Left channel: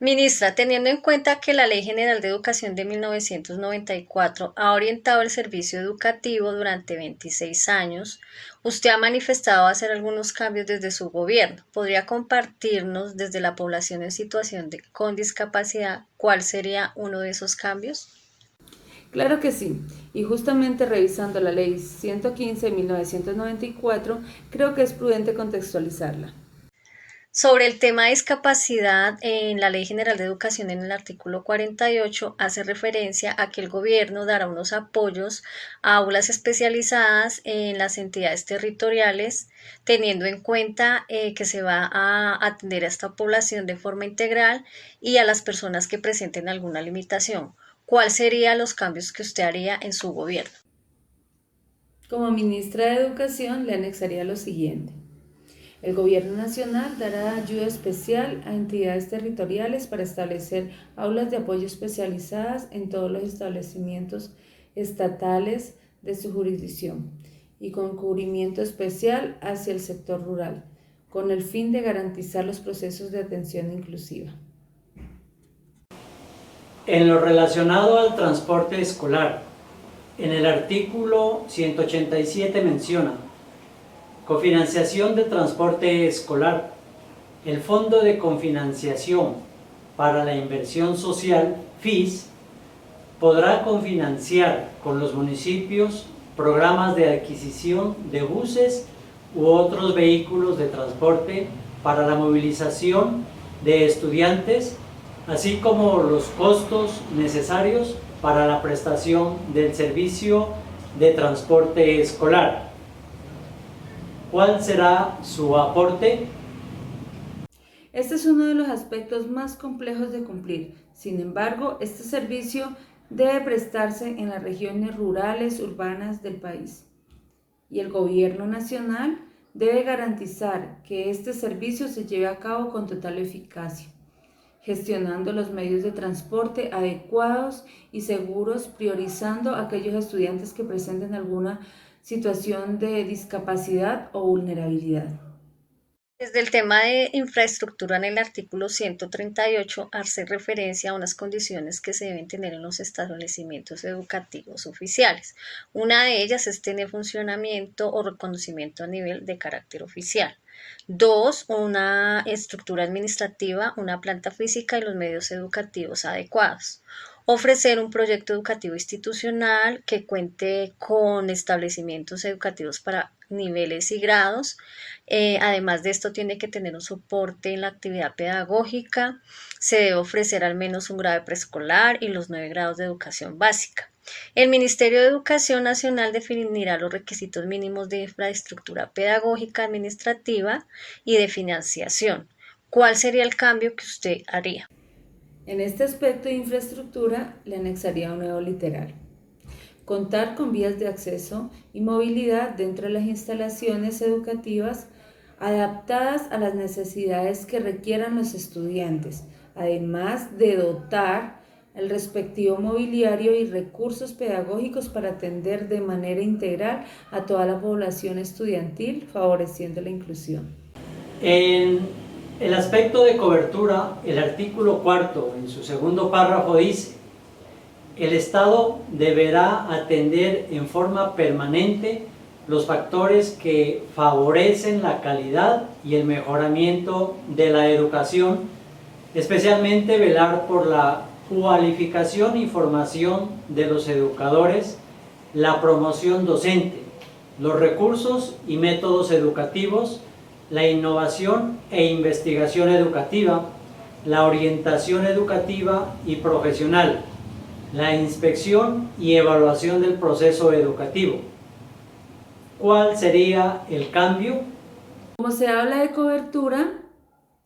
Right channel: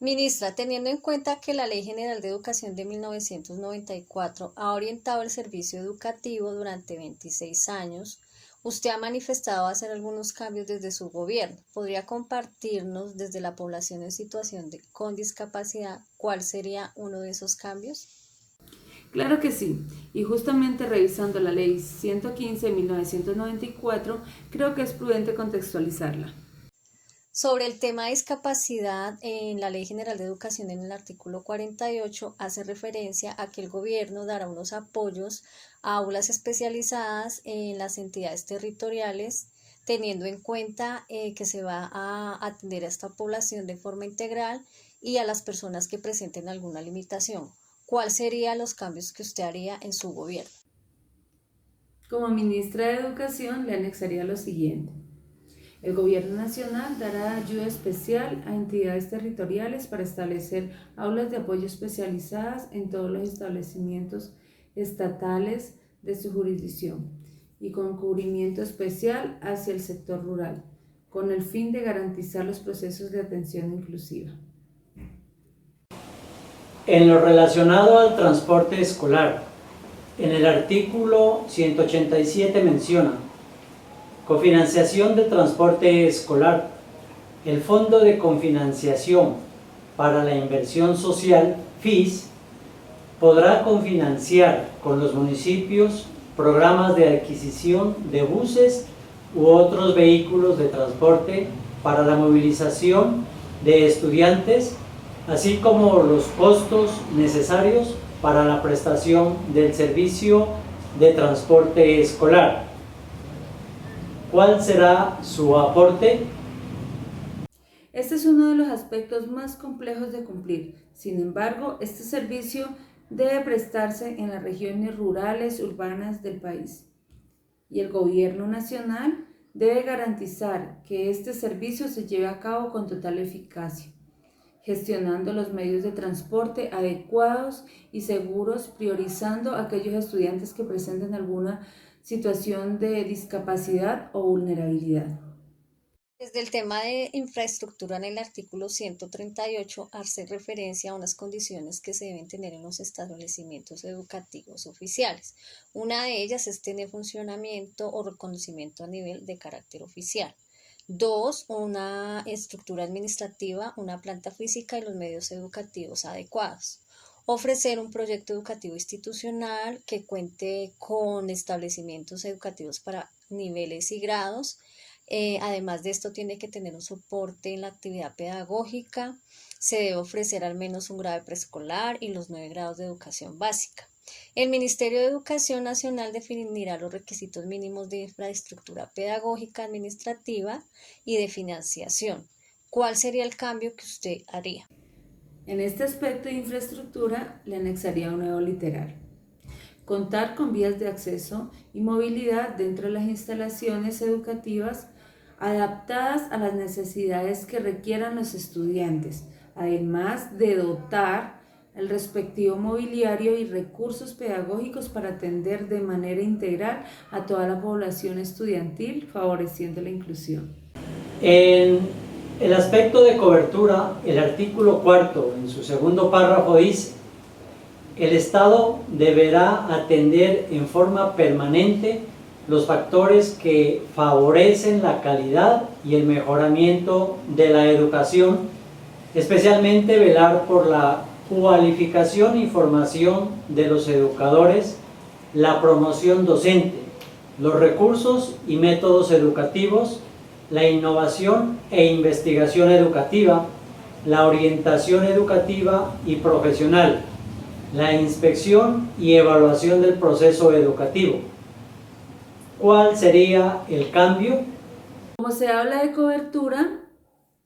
Ministra, teniendo en cuenta que la Ley General de Educación de 1994 ha orientado el servicio educativo durante 26 años, usted ha manifestado hacer algunos cambios desde su gobierno. ¿Podría compartirnos desde la población en situación con discapacidad cuál sería uno de esos cambios? Claro que sí, y justamente revisando la Ley 115 de 1994, creo que es prudente contextualizarla. Sobre el tema de discapacidad, en la Ley General de Educación, en el artículo 48, hace referencia a que el gobierno dará unos apoyos a aulas especializadas en las entidades territoriales, teniendo en cuenta que se va a atender a esta población de forma integral y a las personas que presenten alguna limitación. ¿Cuáles serían los cambios que usted haría en su gobierno? Como ministra de Educación, le anexaría lo siguiente. El Gobierno Nacional dará ayuda especial a entidades territoriales para establecer aulas de apoyo especializadas en todos los establecimientos estatales de su jurisdicción y con cubrimiento especial hacia el sector rural, con el fin de garantizar los procesos de atención inclusiva. En lo relacionado al transporte escolar, en el artículo 187 menciona cofinanciación de transporte escolar. El Fondo de Cofinanciación para la Inversión Social, FIS, podrá cofinanciar con los municipios programas de adquisición de buses u otros vehículos de transporte para la movilización de estudiantes, así como los costos necesarios para la prestación del servicio de transporte escolar. ¿Cuál será su aporte? Este es uno de los aspectos más complejos de cumplir. Sin embargo, este servicio debe prestarse en las regiones rurales, urbanas del país. Y el Gobierno Nacional debe garantizar que este servicio se lleve a cabo con total eficacia, gestionando los medios de transporte adecuados y seguros, priorizando a aquellos estudiantes que presenten alguna situación de discapacidad o vulnerabilidad. Desde el tema de infraestructura en el artículo 138 hace referencia a unas condiciones que se deben tener en los establecimientos educativos oficiales. Una de ellas es tener funcionamiento o reconocimiento a nivel de carácter oficial. Dos, una estructura administrativa, una planta física y los medios educativos adecuados. Ofrecer un proyecto educativo institucional que cuente con establecimientos educativos para niveles y grados. Además de esto, tiene que tener un soporte en la actividad pedagógica. Se debe ofrecer al menos un grado de preescolar y los 9 grados de educación básica. El Ministerio de Educación Nacional definirá los requisitos mínimos de infraestructura pedagógica, administrativa y de financiación. ¿Cuál sería el cambio que usted haría? En este aspecto de infraestructura le anexaría un nuevo literal. Contar con vías de acceso y movilidad dentro de las instalaciones educativas adaptadas a las necesidades que requieran los estudiantes, además de dotar el respectivo mobiliario y recursos pedagógicos para atender de manera integral a toda la población estudiantil, favoreciendo la inclusión. En el aspecto de cobertura, el artículo 4, en su segundo párrafo dice: el Estado deberá atender en forma permanente los factores que favorecen la calidad y el mejoramiento de la educación, especialmente velar por la cualificación y formación de los educadores, la promoción docente, los recursos y métodos educativos, la innovación e investigación educativa, la orientación educativa y profesional, la inspección y evaluación del proceso educativo. ¿Cuál sería el cambio? Como se habla de cobertura,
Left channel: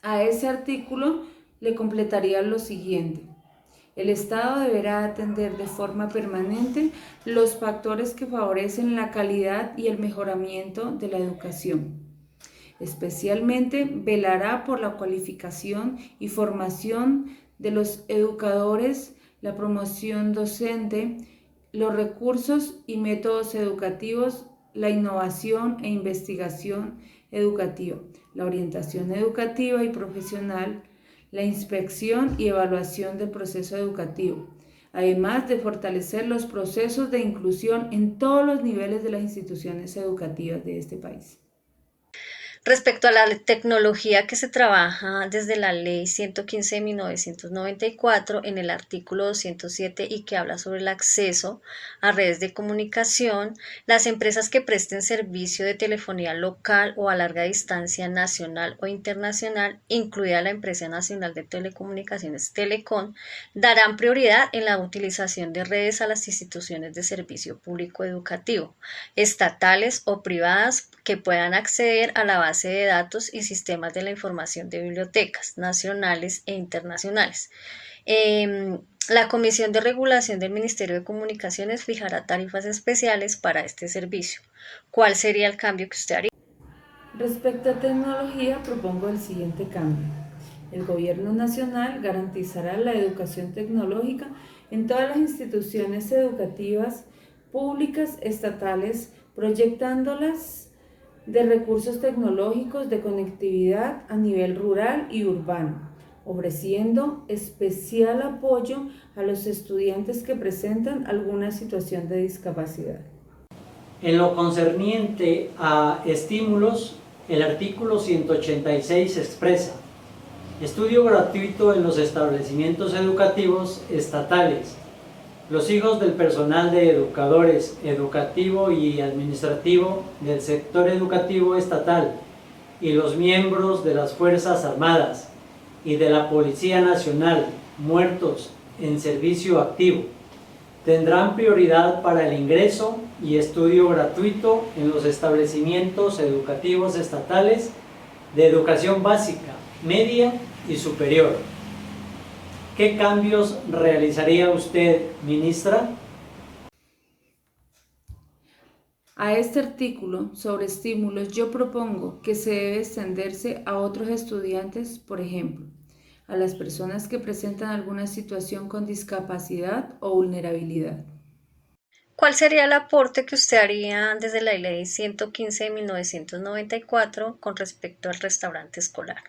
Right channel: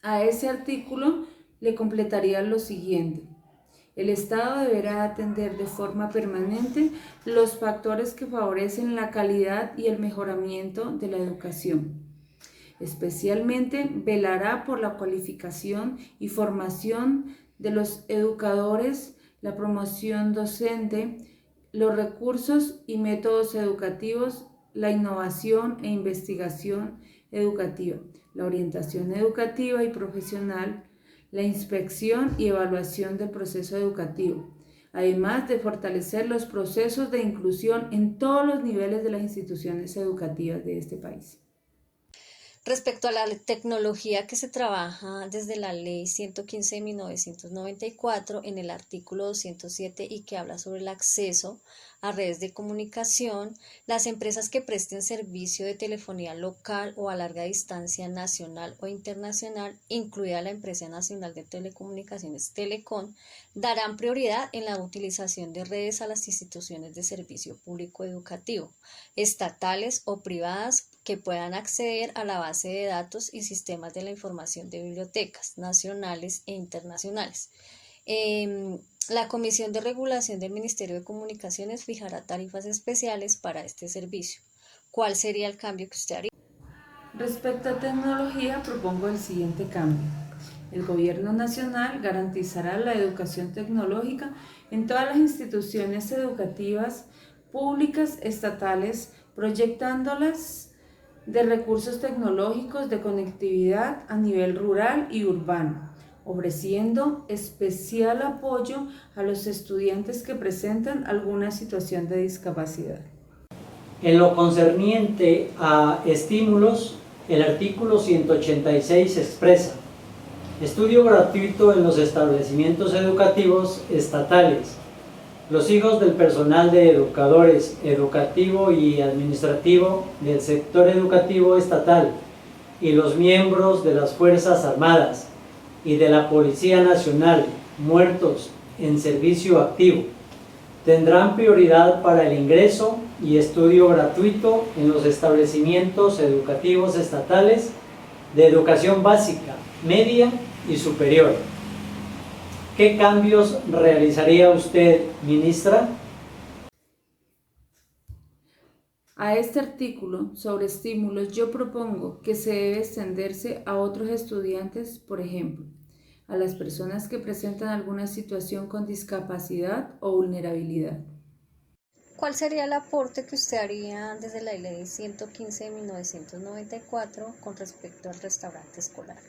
a ese artículo le completaría lo siguiente. El Estado deberá atender de forma permanente los factores que favorecen la calidad y el mejoramiento de la educación. Especialmente velará por la cualificación y formación de los educadores, la promoción docente, los recursos y métodos educativos, la innovación e investigación educativa, la orientación educativa y profesional, la inspección y evaluación del proceso educativo, además de fortalecer los procesos de inclusión en todos los niveles de las instituciones educativas de este país. Respecto a la tecnología que se trabaja desde la Ley 115 de 1994 en el artículo 207 y que habla sobre el acceso a redes de comunicación, las empresas que presten servicio de telefonía local o a larga distancia nacional o internacional, incluida la Empresa Nacional de Telecomunicaciones Telecom, darán prioridad en la utilización de redes a las instituciones de servicio público educativo, estatales o privadas que puedan acceder a la base de datos y sistemas de la información de bibliotecas nacionales e internacionales. La Comisión de Regulación del Ministerio de Comunicaciones fijará tarifas especiales para este servicio. ¿Cuál sería el cambio que usted haría? Respecto a tecnología, propongo el siguiente cambio. El Gobierno Nacional garantizará la educación tecnológica en todas las instituciones educativas públicas estatales, proyectándolas de recursos tecnológicos de conectividad a nivel rural y urbano, ofreciendo especial apoyo a los estudiantes que presentan alguna situación de discapacidad. En lo concerniente a estímulos, el artículo 186 expresa: estudio gratuito en los establecimientos educativos estatales. Los hijos del personal de educadores, educativo y administrativo del sector educativo estatal y los miembros de las Fuerzas Armadas y de la Policía Nacional muertos en servicio activo tendrán prioridad para el ingreso y estudio gratuito en los establecimientos educativos estatales de educación básica, media y superior. ¿Qué cambios realizaría usted, ministra? A este artículo sobre estímulos yo propongo que se debe extenderse a otros estudiantes, por ejemplo, a las personas que presentan alguna situación con discapacidad o vulnerabilidad. ¿Cuál sería el aporte que usted haría desde la Ley 115 de 1994 con respecto al restaurante escolar?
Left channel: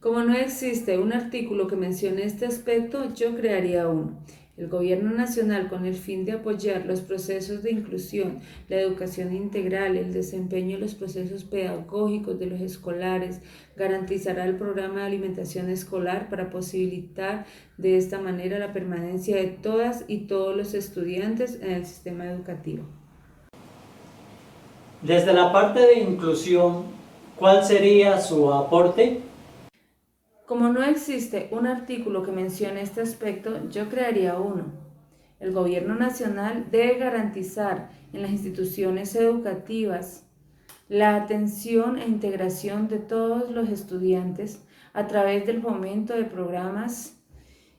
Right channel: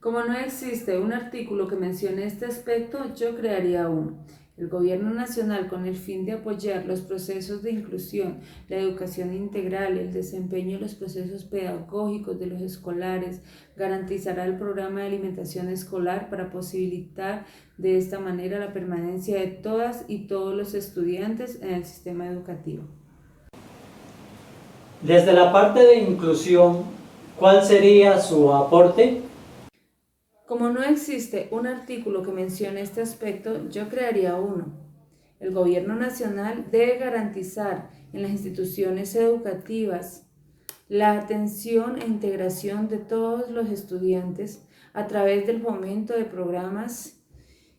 Como no existe un artículo que mencione este aspecto, yo crearía uno. El Gobierno Nacional, con el fin de apoyar los procesos de inclusión, la educación integral, el desempeño de los procesos pedagógicos de los escolares, garantizará el programa de alimentación escolar para posibilitar de esta manera la permanencia de todas y todos los estudiantes en el sistema educativo. Desde la parte de inclusión, ¿cuál sería su aporte? Como no existe un artículo que mencione este aspecto, yo crearía uno. El Gobierno Nacional debe garantizar en las instituciones educativas la atención e integración de todos los estudiantes a través del fomento de programas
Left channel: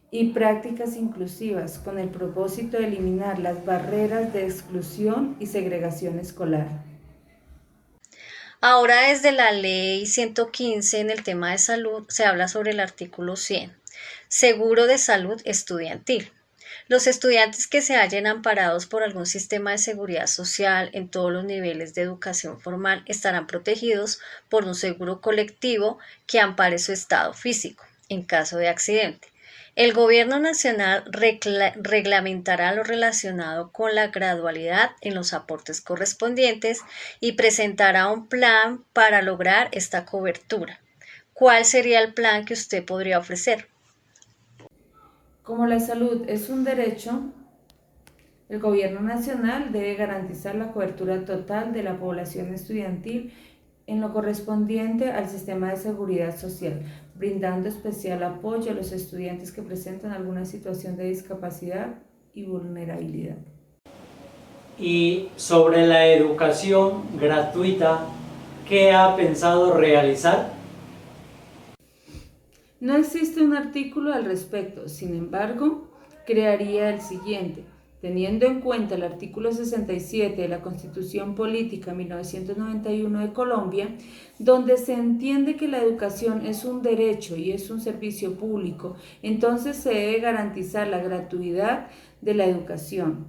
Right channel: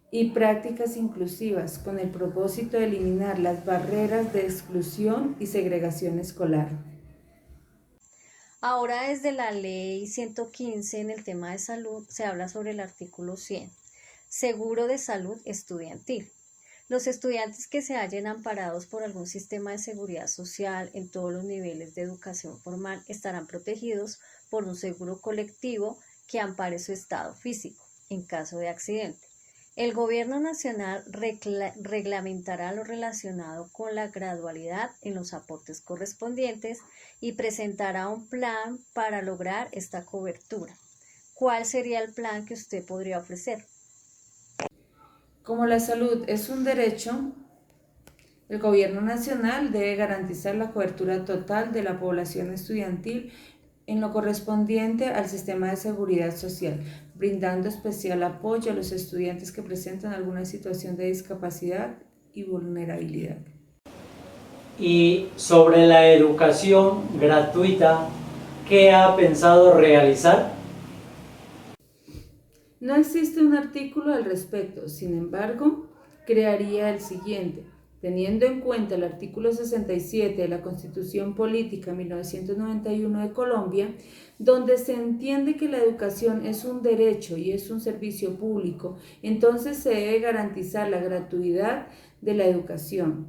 y prácticas inclusivas con el propósito de eliminar las barreras de exclusión y segregación escolar. Ahora desde la Ley 115 en el tema de salud se habla sobre el artículo 100, seguro de salud estudiantil. Los estudiantes que se hallen amparados por algún sistema de seguridad social en todos los niveles de educación formal estarán protegidos por un seguro colectivo que ampare su estado físico en caso de accidente. El Gobierno Nacional reglamentará lo relacionado con la gradualidad en los aportes correspondientes y presentará un plan para lograr esta cobertura. ¿Cuál sería el plan que usted podría ofrecer? Como la salud es un derecho, el Gobierno Nacional debe garantizar la cobertura total de la población estudiantil en lo correspondiente al sistema de seguridad social, brindando especial apoyo a los estudiantes que presentan alguna situación de discapacidad y vulnerabilidad. Y sobre la educación gratuita, ¿qué ha pensado realizar? No existe un artículo al respecto, sin embargo, crearía el siguiente. Teniendo en cuenta el artículo 67 de la Constitución Política 1991 de Colombia, donde se entiende que la educación es un derecho y es un servicio público, entonces se debe garantizar la gratuidad de la educación.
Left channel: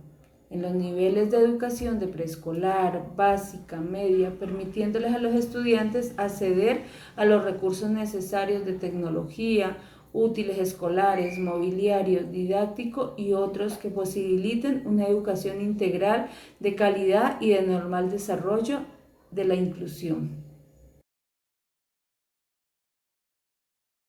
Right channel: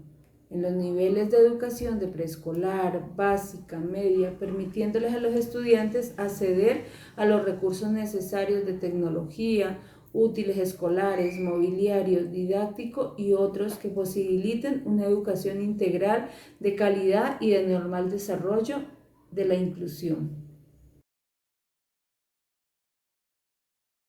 en los niveles de educación de preescolar, básica, media, permitiéndoles a los estudiantes acceder a los recursos necesarios de tecnología, útiles escolares, mobiliario, didáctico y otros que posibiliten una educación integral de calidad y de normal desarrollo de la inclusión.